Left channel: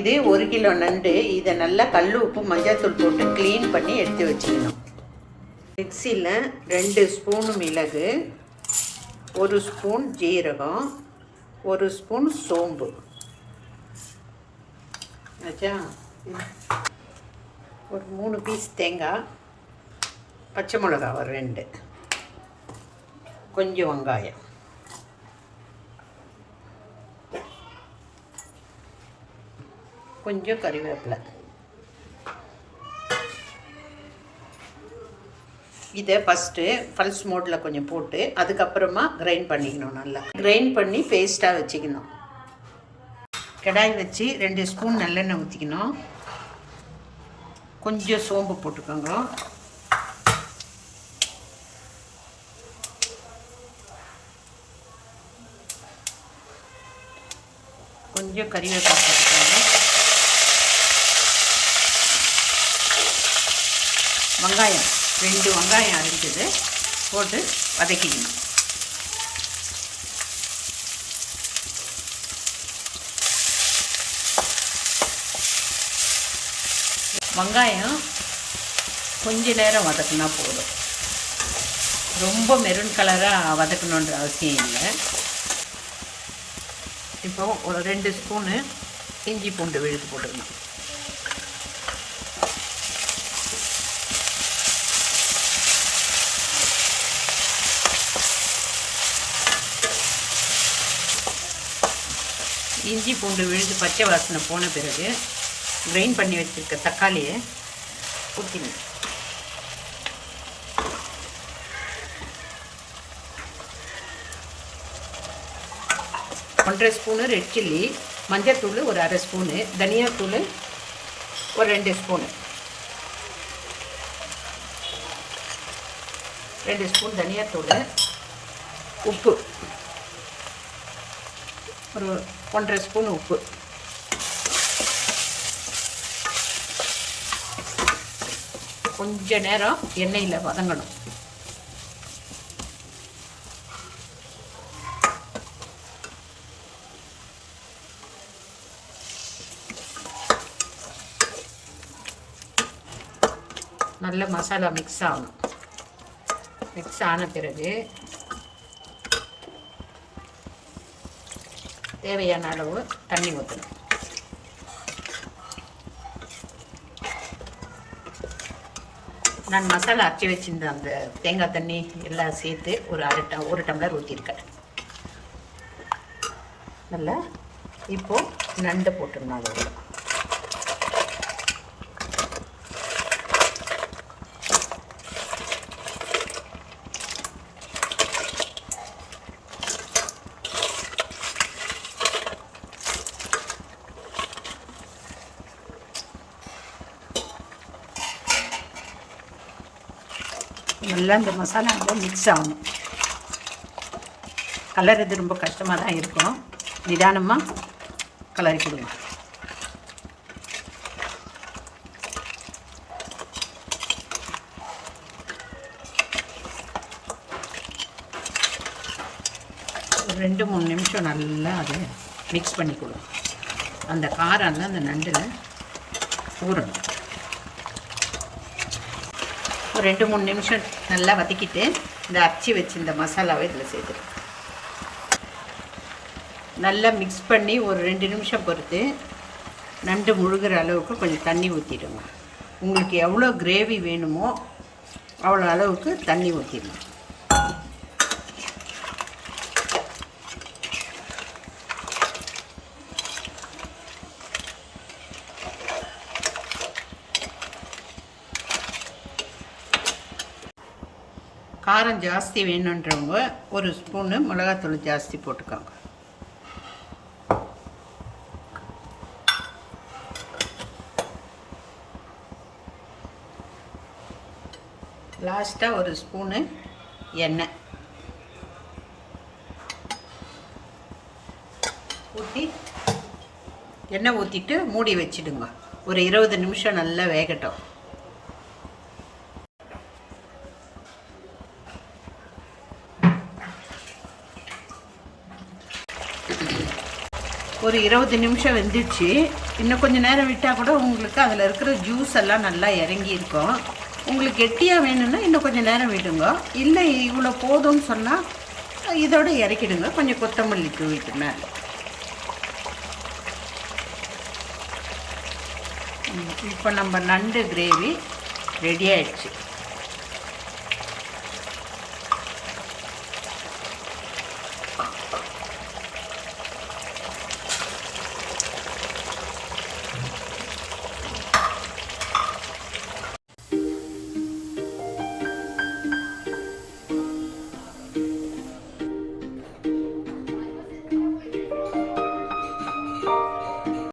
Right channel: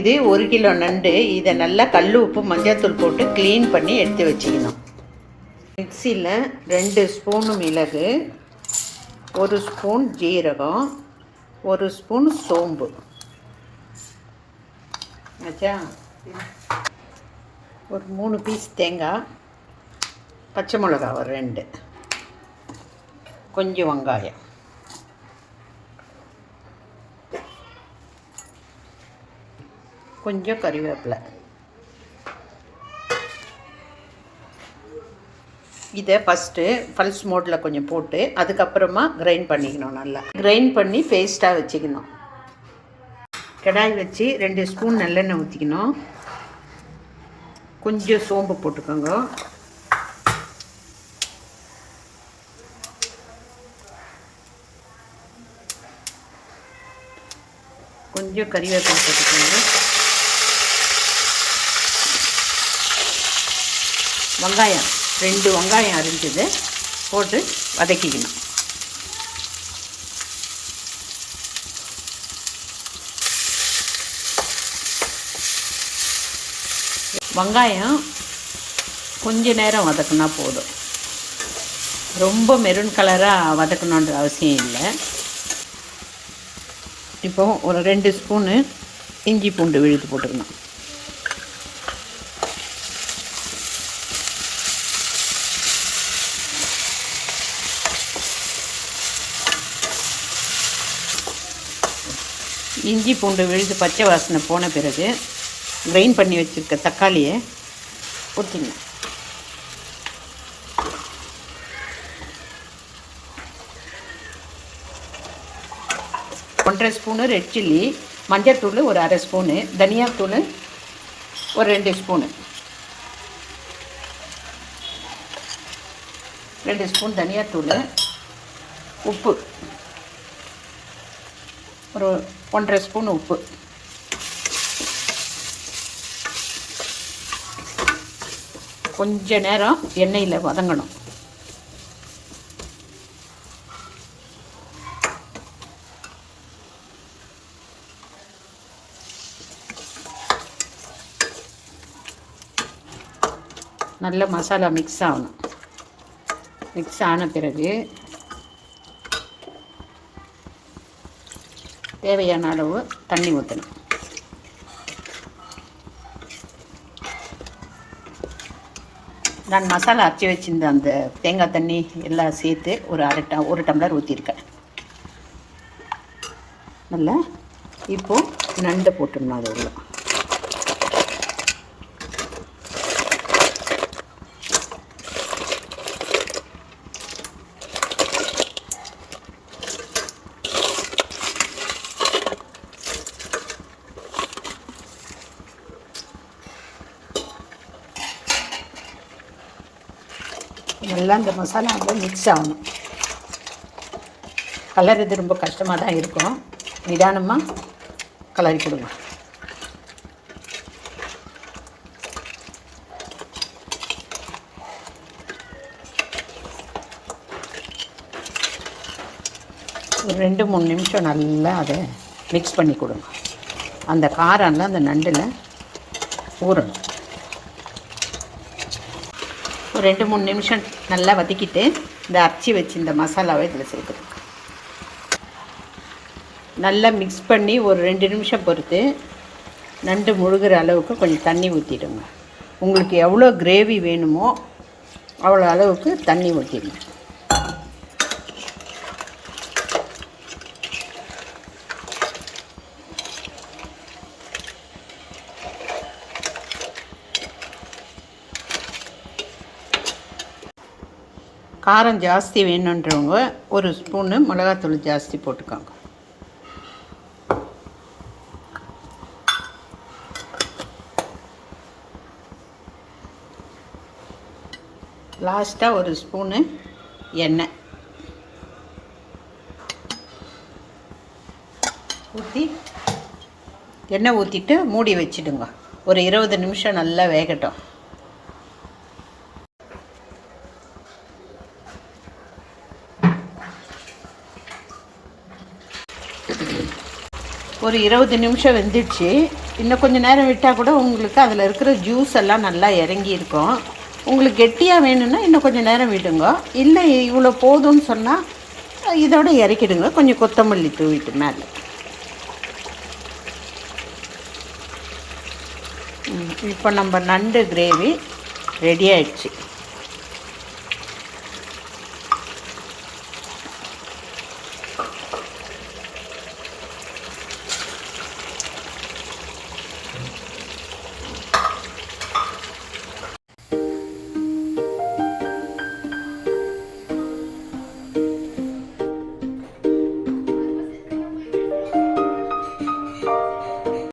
இது 1 கிலோ நண்டு. இதை நல்லா கல் உப்பு மஞ்சள்தூள் போட்டு க்ளீன் பண்ணி எடுத்து வச்சுக்கணும். மிக்சியில் 2 ஸ்பூனு மிளகு, 1 ஸ்பூன் ஜீரகம், 1 ஸ்பூன் சோம்பு ஆச்சா. ஒரு 3 பீஸ் தேங்காய், பச்சை மிளகா ஒரு 2, கொஞ்சம் வெங்காயம், கொஞ்சம் கறிவேப்பிலை. இதை ஃபஸ்ட்டு பல்ஸ் மோட்டில் கொஞ்சம் போட்டு அதுக்கப்புறமா கிரைண்ட் பண்ணிக்கணும். நல்லா கிரைண்ட் பண்ணி பேஸ்ட்டாக வச்சுக்கணும். கடாய் வச்சு 2 ஸ்பூன் நல்லெண்ணெய் ஊற்றிக்கணும். கொஞ்சம் சோம்பு போட்டுக்கோங்க. கொஞ்சம் கறிவேப்பிலை போட்டுக்கோங்க. வெங்காயம் 2 வெங்காயம் அரிஞ்சது போட்டு வதக்கிக்கணும். வெங்காயம் கொஞ்ச நேரம் வதக்குனா போதும். ரொம்ப மெரூன் கலராக வதக்கணுன்ற அவசியம் இல்லை. இப்போ ஒரு 2 ஸ்பூனு இஞ்சி பூண்டு விழுது போட்டுக்கணும். இஞ்சி பூண்டு விழுது பச்சை வாசனை போன பிறகு கிரைண்ட் பண்ணி வச்சுருக்க தக்காளியை ஊற்றிங்க. ஒன்றரை ஸ்பூனு ரெட் சில்லி, மஞ்சள்தூள் ஒரு அரை ஸ்பூனு, தனியாத்தூள் ஒரு 2 ஸ்பூனு, 2 ஸ்பூன் தனியாத்தூள், உப்பு ஒரு 1.5 ஸ்பூன் உப்பு, கொஞ்ச நேரம் எண்ணெயில் வதங்கணும். நல்ல மசாலா மிக்ஸ் ஆகணும். மிக்ஸ் ஆன பிறகு தேவையான அளவு தண்ணி ஊற்றணும். நான் மசாலா அரைச்சி வச்சிருந்த அந்த தேங்காய் தண்ணி எல்லாம் சேர்த்து ஒரு டம்ளர் ஊற்றிருக்கேன். நல்லா இப்போது நண்டை போட்டுடணும். அது நல்லா இந்த மசாலா மிக்ஸ் ஆகணும். கலர் ரொம்ப கஷ்டமாக தான் இருக்கும். நிதானமாக கலரி கொடுங்க. ஒரு 2-3 நிமிஷம் நல்லா அதை மிக்ஸ் பண்ணி கொடுங்க. அந்த காரம்லாம் அந்த நண்டில் ஊறணும். ஒரு 2-3 நிமிஷம் நல்லா வதக்கிட்டு இந்த அரைச்சி வச்சு இந்த மசாலாவை இதில் சேர்த்துருங்க. நல்லா மிக்ஸ் பண்ணி ஒரு 2 நிமிஷம் பொறுத்து நண்டு முழுகிற அளவுக்கு கொஞ்சம் தண்ணி ஊற்றிடுங்க. உங்களுக்கு எவ்வளோ கிரேவி வேணுமோ அவ்வளோ அளவுக்கு தண்ணி ஊற்றிடுங்க. காரம் ஜாஸ்தி வேணுன்றவங்க 1 ஸ்பூனு மிளகாத்தூள் ஜாஸ்தி போட்டுக்கோங்க. லாஸ்ட்டாக 1 ஸ்பூனு எண்ணெய் ஊற்றிட்டு மூடி வச்சிடுங்க. ஒரு 20 நிமிஷம் நல்லா வேகட்டும். ஒரு 20 நிமிஷம் வெந்துடுச்சு. இன்னும் கொஞ்சம் நேரம் விட்டால் கூட உங்களுக்கு அதில் இருக்கிற ஜூஸ் எல்லாம் நல்லா இறங்கி இருக்கும். உங்களுக்கு கெட்டியாக வேணும்னா இன்னும் கொஞ்சம் நேரம் விடுங்க. இல்லை இவ்வளோ போதும்னு சொன்னால் இதோட இறக்கிடுங்க. கொஞ்சம் கொத்தமல்லி தூவிட்டு மேலே. இப்போ நம்ம நண்டு கிரேவி ரெடி ஆயிடுச்சு.